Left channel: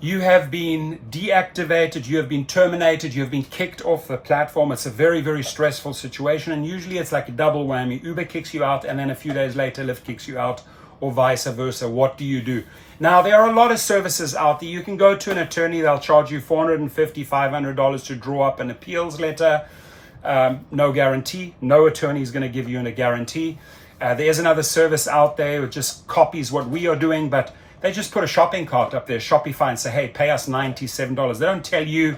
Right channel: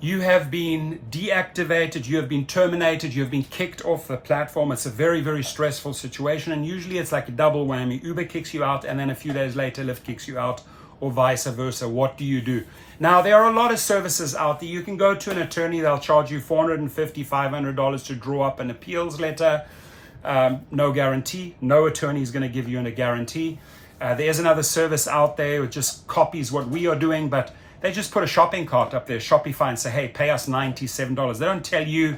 you have been deactivated, you have been terminated, you have been kicked off the platform. It's a very, very stressful situation, and usually it's like a double whammy. Uber kicks you out, and then a few days later Lyft kicks you out, or vice versa. What do you do? Now, there are a lot of services out there. You can go to an attorney. They'll charge you $450, $500 to draw up an appeals letter. No guarantee. No attorney is going to give you a guarantee. There's another service out there that just copies what we are doing, but they just put a shopping cart up there, Shopify, and say, hey, pay us $97. They don't tell you,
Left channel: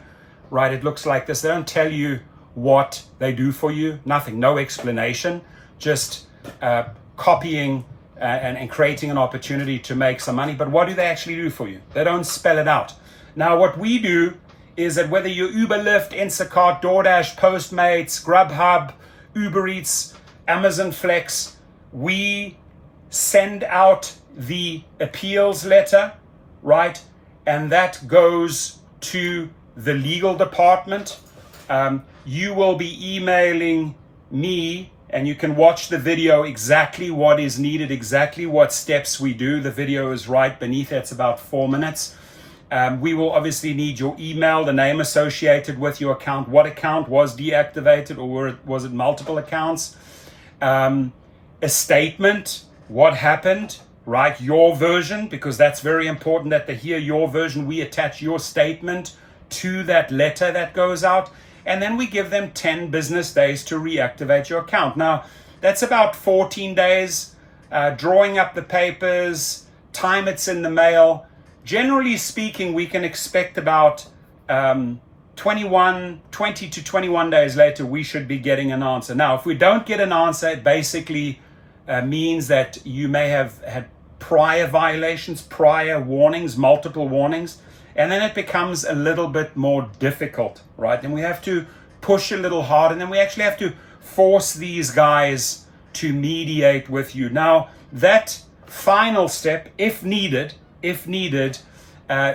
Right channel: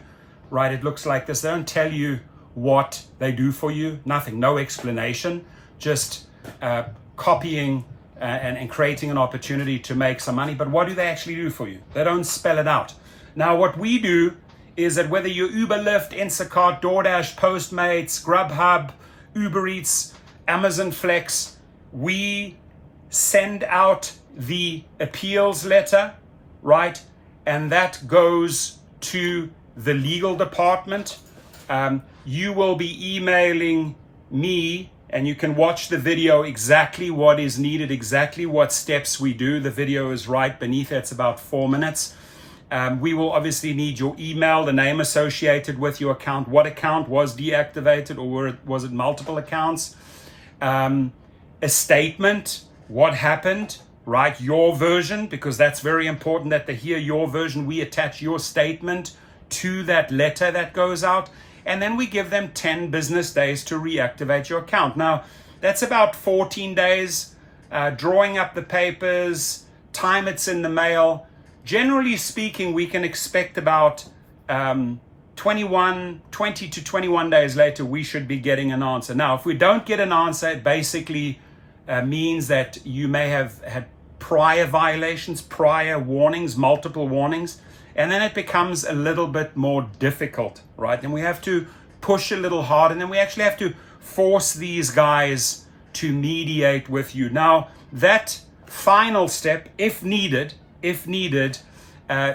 right, it looks like this. They don't tell you what they do for you. Nothing, no explanation, just copying and creating an opportunity to make some money. But what do they actually do for you? They don't spell it out. Now, what we do is that whether you're Uber, Lyft, Instacart, Doordash, Postmates, Grubhub, Uber Eats, Amazon Flex, we send out the appeals letter, right? And that goes to the legal department. You will be emailing me, and you can watch the video exactly what is needed, exactly what steps we do. The video is right beneath it. It's about 4 minutes. We will obviously need your email, the name associated with your account, what account was deactivated, or was it multiple accounts? A statement, what happened, right? Your version, because that's very important that they hear your version. We attach your statement to that letter that goes out, and then we give them 10 business days to reactivate your account. Now, that's about 14 days, drawing up the papers, time it's in the mail. Generally speaking, we can expect about 20 to 21 days later, we should be getting an answer. Now, if we don't get an answer, it basically means that you may have had prior violations, prior warnings, multiple warnings, and then it becomes a little bit more difficult, right? And we have to push a little hard, and then we actually have to force these guys to mediate with you. Now, that final step, if needed,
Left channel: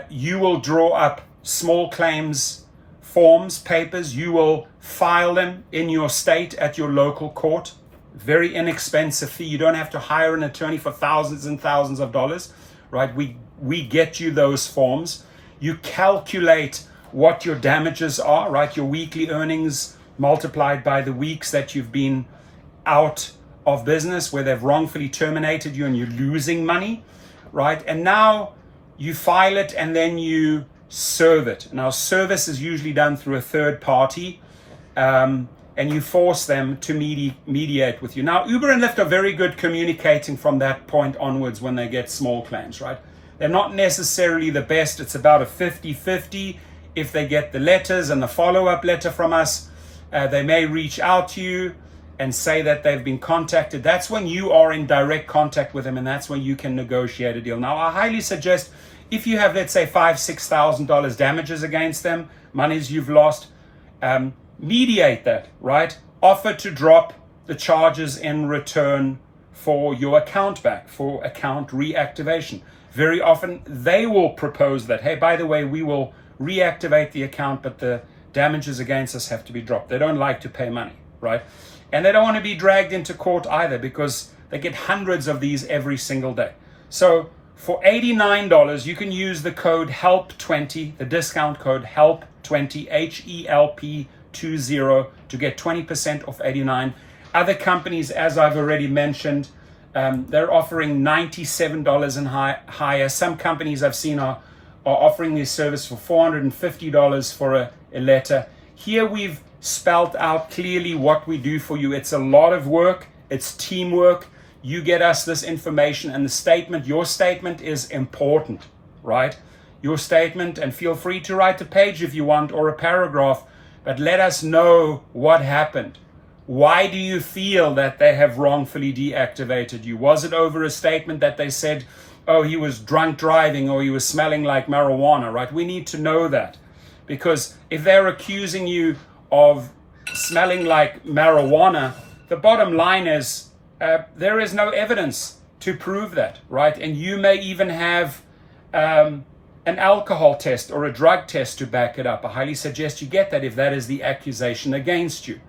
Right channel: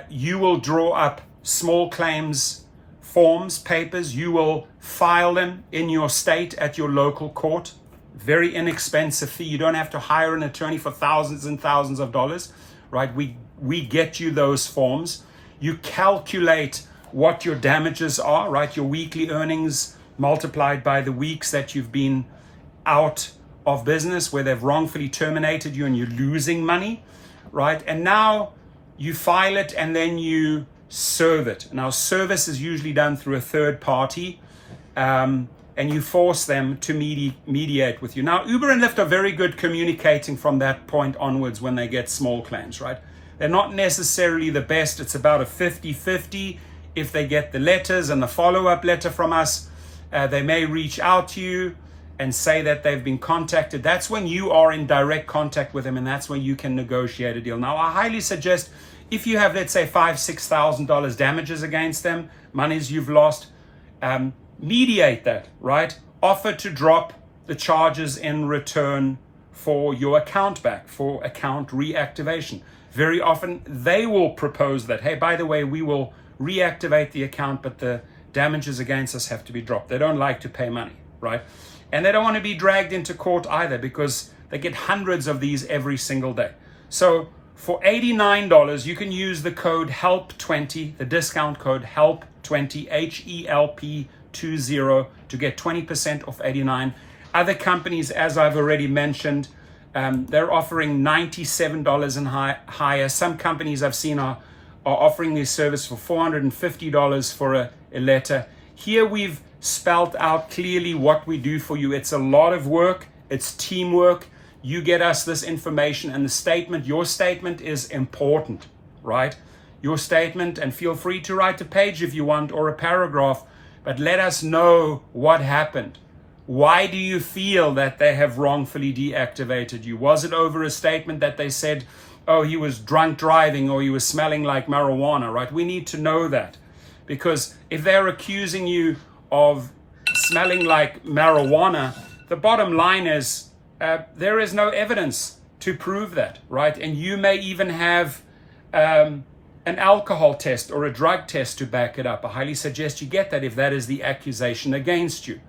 you will draw up small claims forms, papers. You will file them in your state at your local court. Very inexpensive fee. You don't have to hire an attorney for thousands and thousands of dollars, right? We get you those forms. You calculate what your damages are, right? Your weekly earnings multiplied by the weeks that you've been out of business, where they've wrongfully terminated you and you're losing money, right? And now you file it and then you serve it. Now, service is usually done through a third party, and you force them to mediate with you. Now, Uber and Lyft are very good communicating from that point onwards when they get small claims, right? They're not necessarily the best. It's about a 50-50. If they get the letters and the follow-up letter from us, they may reach out to you and say that they've been contacted. That's when you are in direct contact with them, and that's when you can negotiate a deal. Now, I highly suggest if you have, let's say, $5,000, $6,000 damages against them, monies you've lost, mediate that, right? Offer to drop the charges in return for your account back, for account reactivation. Very often they will propose that, hey, by the way, we will reactivate the account, but the damages against us have to be dropped. They don't like to pay money, right? And they don't want to be dragged into court either, because they get hundreds of these every single day. So for $89, you can use the code HELP20, the discount code HELP20, HELP20, to get 20% off $89. Other companies, as I've already mentioned, they're offering $97 and higher. Some companies I've seen are offering this service for $450 for a letter. Here we've spelled out clearly what we do for you. It's a lot of work. It's teamwork. You get us this information, and the statement, your statement is important, right? Your statement, and feel free to write a page if you want, or a paragraph, but let us know what happened. Why do you feel that they have wrongfully deactivated you? Was it over a statement that they said, oh, he was drunk driving, or he was smelling like marijuana, right? We need to know that, because if they're accusing you of smelling like marijuana, the bottom line is there is no evidence to prove that, right? And you may even have an alcohol test or a drug test to back it up. I highly suggest you get that if that is the accusation against you.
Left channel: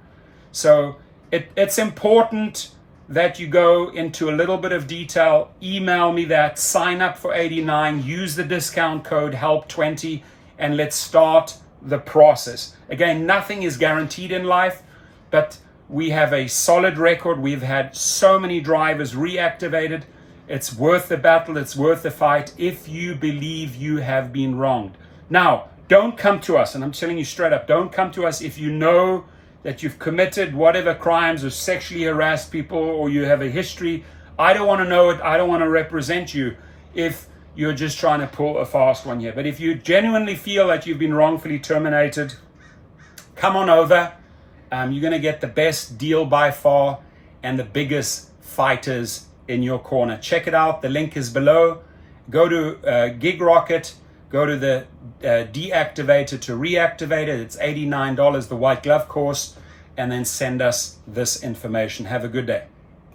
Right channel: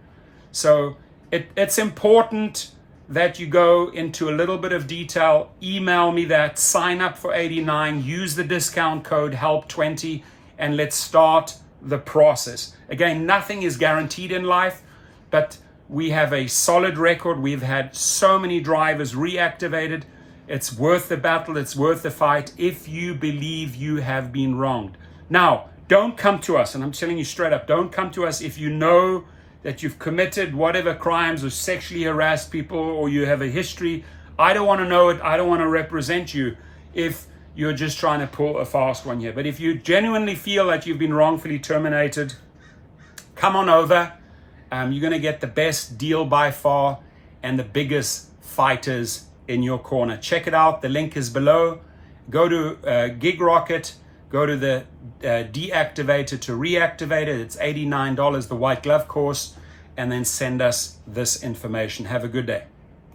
So it's important that you go into a little bit of detail, email me that, sign up for 89, use the discount code HELP20, and let's start the process. Again, nothing is guaranteed in life, but we have a solid record. We've had so many drivers reactivated. It's worth the battle. It's worth the fight if you believe you have been wronged. Now, don't come to us, and I'm telling you straight up, don't come to us if you know that you've committed whatever crimes or sexually harassed people or you have a history. I don't want to know it. I don't want to represent you if you're just trying to pull a fast one here. But if you genuinely feel that you've been wrongfully terminated, come on over. You're going to get the best deal by far and the biggest fighters in your corner. Check it out. The link is below. Go to Gig Rocket. Go to the Deactivated to Reactivated. It's $89, the white glove course, and then send us this information. Have a good day.